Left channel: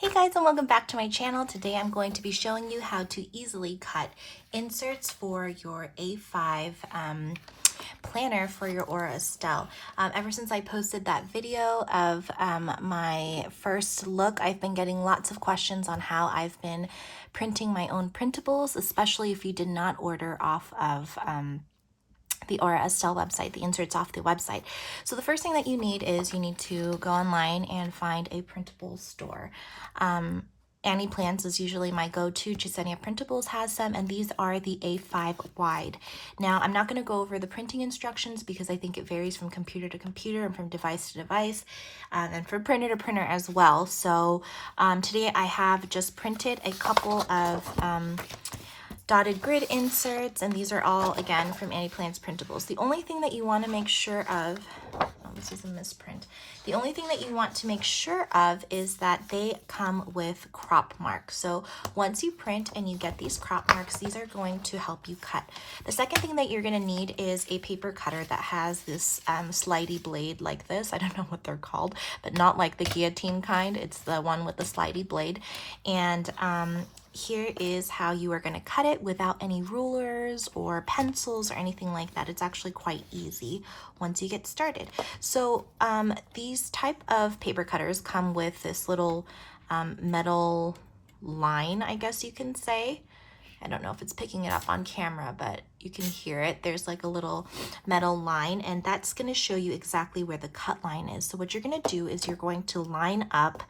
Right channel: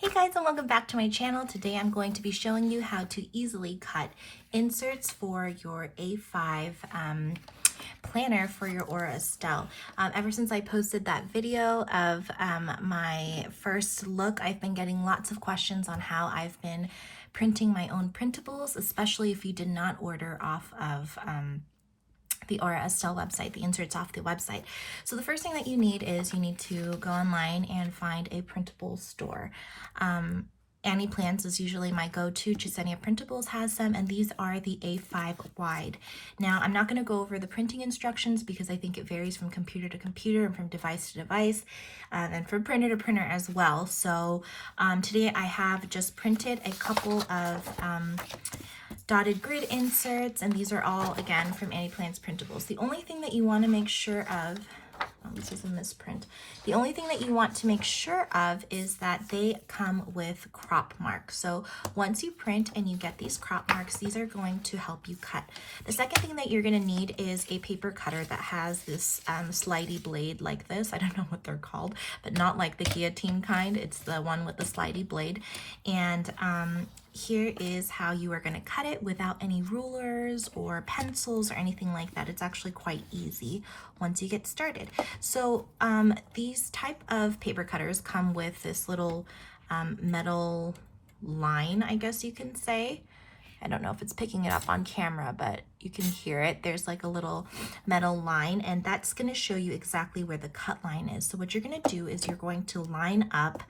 Hey guys, and welcome back to my channel. Today I'm going to be showing you how to easily cut inserts for your A5 planner for your Aura Estelle. Ever since I posted that video of my first look, I've been getting lots of questions on how I've been printing my own printables, especially if you did not order off of the Aura Estelle website, the inserts off the website. So the first thing that you need is you need to go online and find a printable store. Annie Plans is usually my go-to. Chisenia Printables has them, and these are the A5 wide. Now, I'm not going to go over the printing instructions because I think it varies from computer to computer and from device to device, and from printer to printer as well. So today I have just printed a couple of dotted grid inserts, and these are all again from Annie Plans Printables. The only thing that you want to make sure of, this is a misprint. The only thing that you want to make sure of is that they come with crop marks. So once you print and you get these crop marks, these are going to help you cut. The second thing that you're going to need is a paper cutter that has this slidey blade like this. I don't know what they're called, but not like the guillotine kind. It's the one with the slidey blade. And here is how you are going to cut it without any rulers or pencils or anything like that. It's actually quite easy once you get started. So these type of paper cutters come with this little metal line, I guess you can say. I don't know if it's picking it up on camera, but you can hear it. There's like a little metal line, and that's going to show you exactly where the cut line is. So what you're going to do is you're going to line up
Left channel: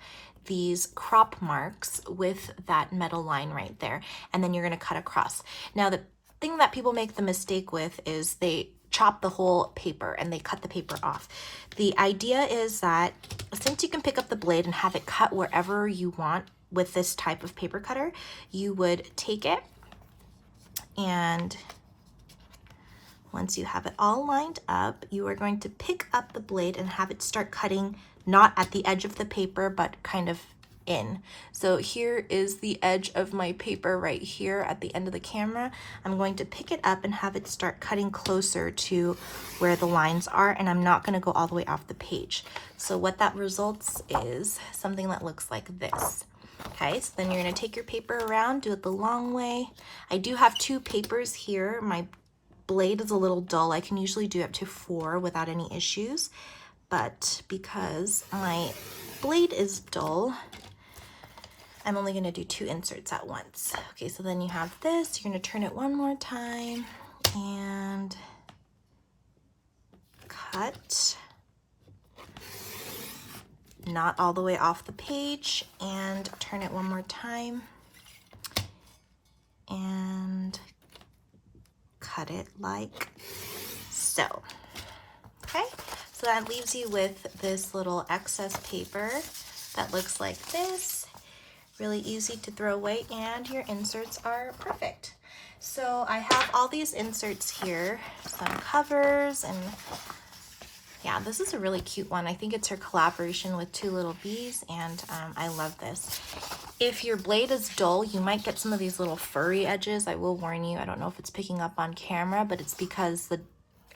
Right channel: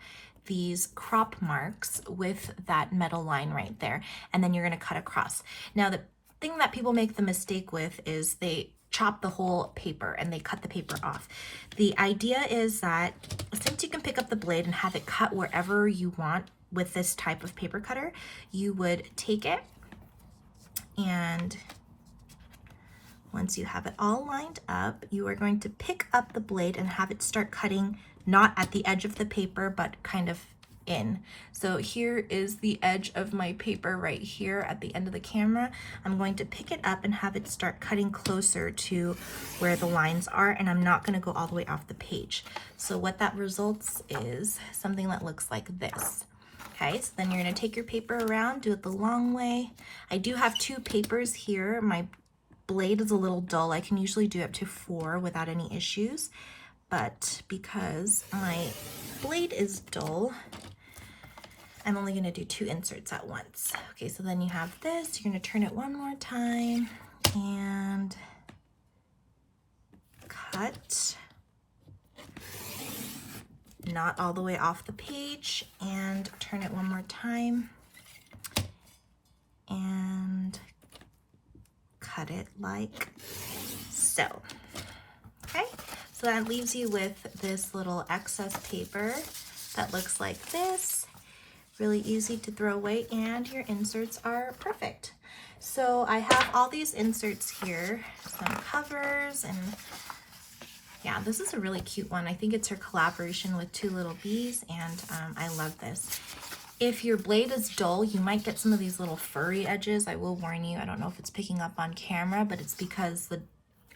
these crop marks with that metal line right there, and then you're going to cut across. Now, the thing that people make the mistake with is they chop the whole paper and they cut the paper off. The idea is that since you can pick up the blade and have it cut wherever you want with this type of paper cutter, you would take it, and once you have it all lined up, you are going to pick up the blade and have it start cutting not at the edge of the paper, but kind of in. So here is the edge of my paper right here at the end of the camera. I'm going to pick it up and have it start cutting closer to where the lines are, and I'm not going to go all the way off the page. So what that results is something that looks like this. Okay, so then you're going to take your paper around, do it the long way. I do have two papers here. My blade is a little dull. I can usually do up to 4 without any issues, but because my blade is dull, I'm only going to do 2 inserts at once. Okay, so then you have this. You're going to turn it one more time and cut. Not all the way off the page, and turn it one more time and cut it like so. Okay, so that leaves you with this little excess paper that looks like this. Really easy to throw away, and your inserts are perfect. So I have all these inserts here, some covers, and yeah, this is a really cute one. I think it's her collaboration with Two Little Bees, and I love this. If your blade is dull, you might get some of these little furry edges. I will warn you, I don't know if it's picking up on camera, but it's because the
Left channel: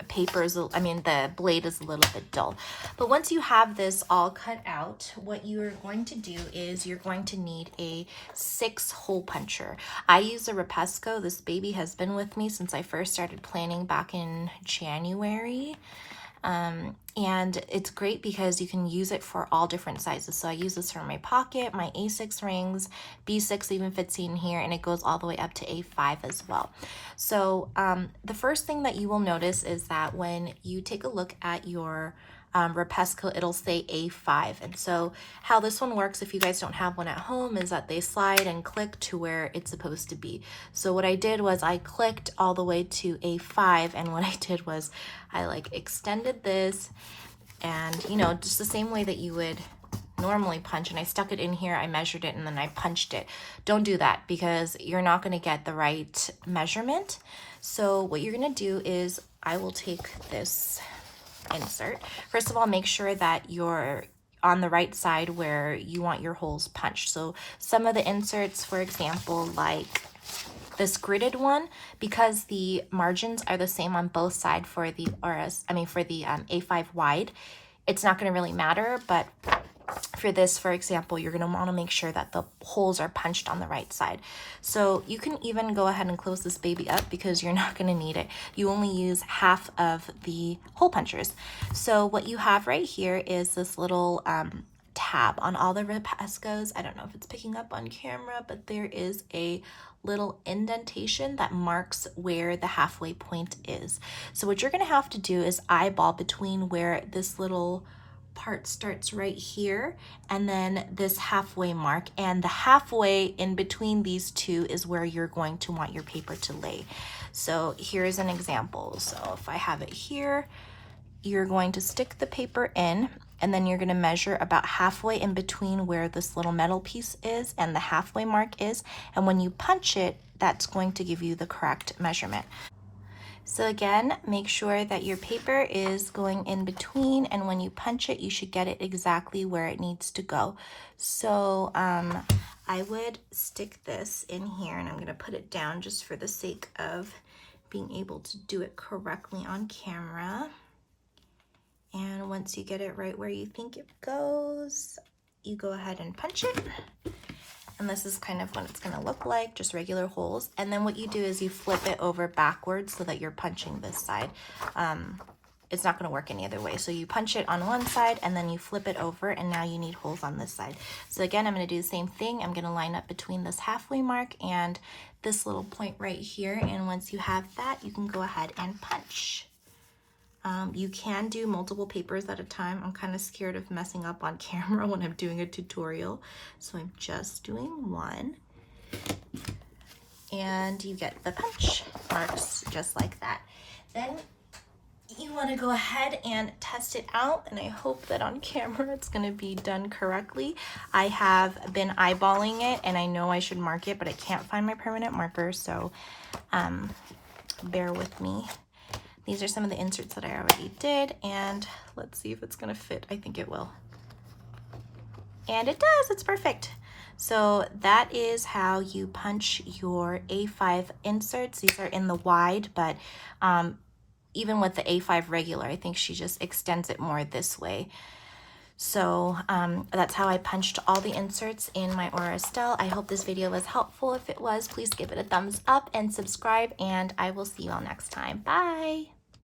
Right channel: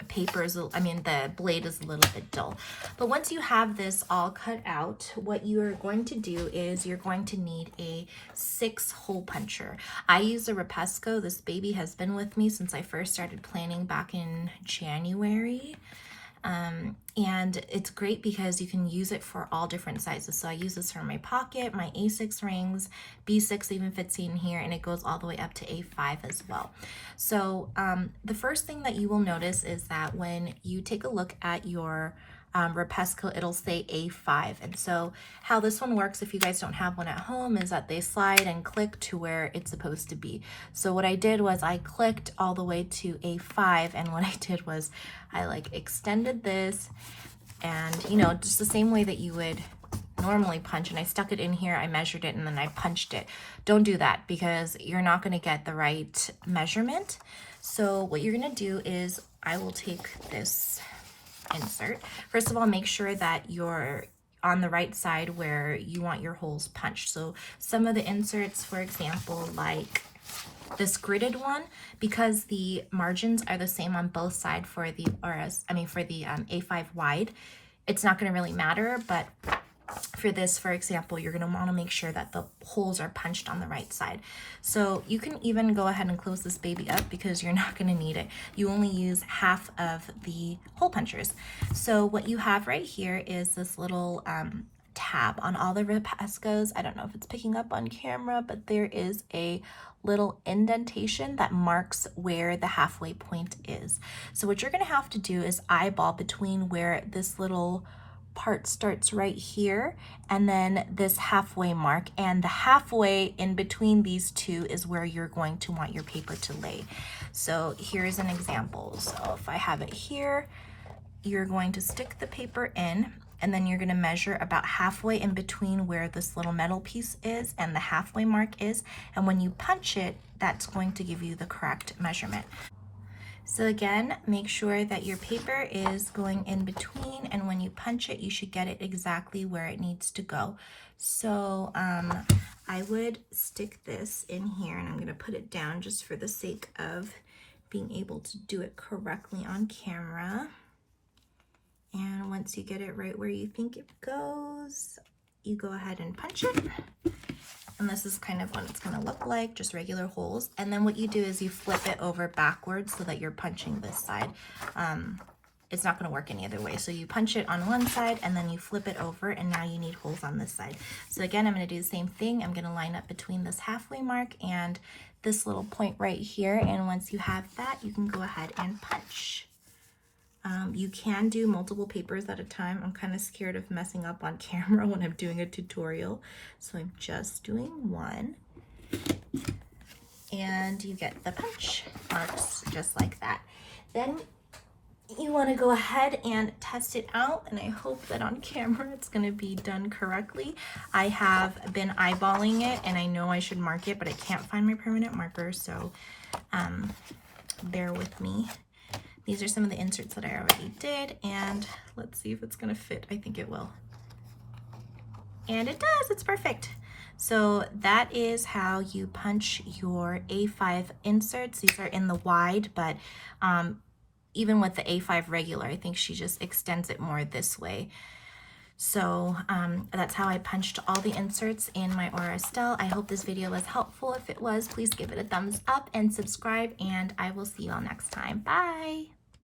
the blade is a little bit dull. But once you have this all cut out, what you are going to do is you're going to need a 6-hole puncher. I use a Rapesco. This baby has been with me since I first started planning back in January. And it's great because you can use it for all different sizes. So I use this for my pocket, my A6 rings, B6 even fits in here, and it goes all the way up to A5 as well. So the first thing that you will notice is that when you take a look at your Rapesco, it'll say A5. And so how this one works, if you guys don't have one at home, is that they slide and click to where it's supposed to be. So what I did was I clicked all the way to A5, and what I did was I like extended this, and you know, just the same way that you would normally punch, and I stuck it in here, I measured it, and then I punched it. Don't do that because you're not going to get the right measurement. So what you're going to do is I will take this insert. First of all, make sure that you're on the right side where you want your holes punched. So some of the inserts, for example, like this gridded one, because the margins are the same on both sides for the A5 wide, it's not going to really matter. But for this, for example, you're going to want to make sure that the holes are punched on the right side. So you can even go ahead and close this baby up because you're not going to need it. You only use half of the hole punchers. So what you have right here is this little tab on all the Repascos. I don't know if it's picking up on camera, but there is a little indentation that marks where the halfway point is. So what you're going to have to do is eyeball between where this little part starts right here and then this halfway mark, and the halfway in between these two is where you're going to want your paper to lay. So here's an example. So if I have it here, you're going to stick the paper in, and then you're going to measure about halfway in between where this little metal piece is and the halfway mark is, and when you punch it, that's going to give you the correct measurement. So again, make sure that your paper is going in between, and when you punch it, you should get it exactly where it needs to go. So I would stick this in here, and I'm going to put it down just for the sake of being able to do it correctly on camera. And once you get it right where you think it goes, you go ahead and punch it. And this is kind of what it's going to look like, just regular holes. And then what you do is you flip it over backwards so that you're punching this side. It's not going to work any other way. So you punch it on one side and then you flip it over, and now you need holes on this side. So again, I'm going to do the same thing. I'm going to line up between this halfway mark and this little point right here. And once you have that, you can go ahead and punch. You can do multiple papers at a time. I'm kind of scared of messing up on camera when I'm doing a tutorial, so I'm just doing one. And you get the punch marks just like that. Then you want to go ahead and test it out, and I hope that on camera it's going to be done correctly. I have been eyeballing it, and I know I should mark it, but I can't find my permanent marker, so bear with me. These are some of the inserts that I already did, and let's see if it's gonna fit. I think it will. And it does, it's perfect. So that is how you punch your A5 inserts. These are in the wide, but even with the A5 regular, I think she just extends it more this way. So that's how I punched all the inserts in my Aura Estelle. I hope this video was helpful. If it was, please give it a thumbs up and subscribe, and I will see you all next time. Bye!